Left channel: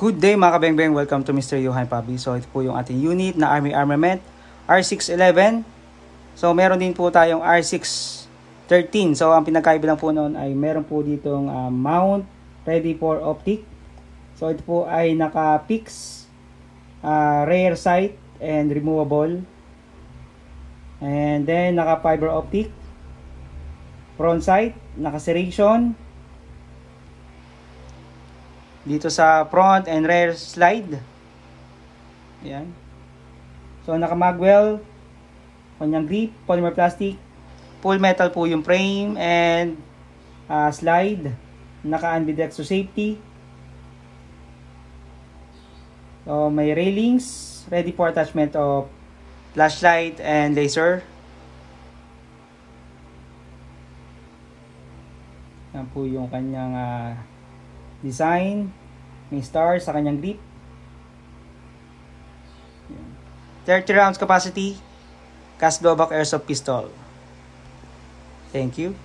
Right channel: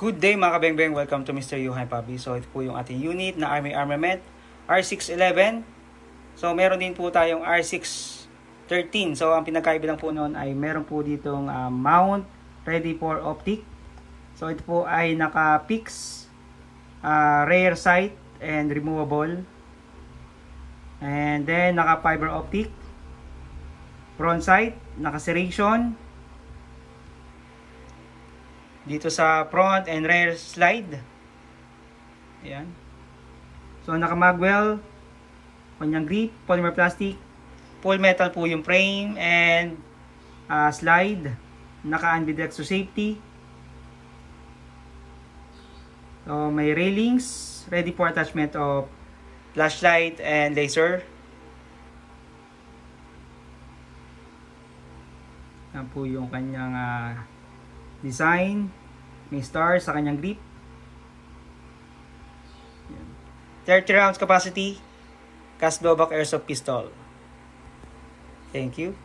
Good day mga kabengbeng, welcome to Mr. Johan Pabi. So ito po yung ating unit na Army Armament R611. So meron din po tayong R613. So ang pinagkaiba lang po noon ay meron po ditong mount ready for optic. So ito po ay naka-fix rear sight and removable. And then naka fiber optic. Front sight, naka serration. Dito sa front and rear slide. Ayan. So naka magwell, kanyang grip, polymer plastic, full metal po yung frame and slide, naka ambidextrous safety. So may railings ready for attachment of flashlight and laser. Yan po yung kanyang design. May star sa kanyang grip. 30 rounds capacity. Cast blowback airsoft pistol. Thank you.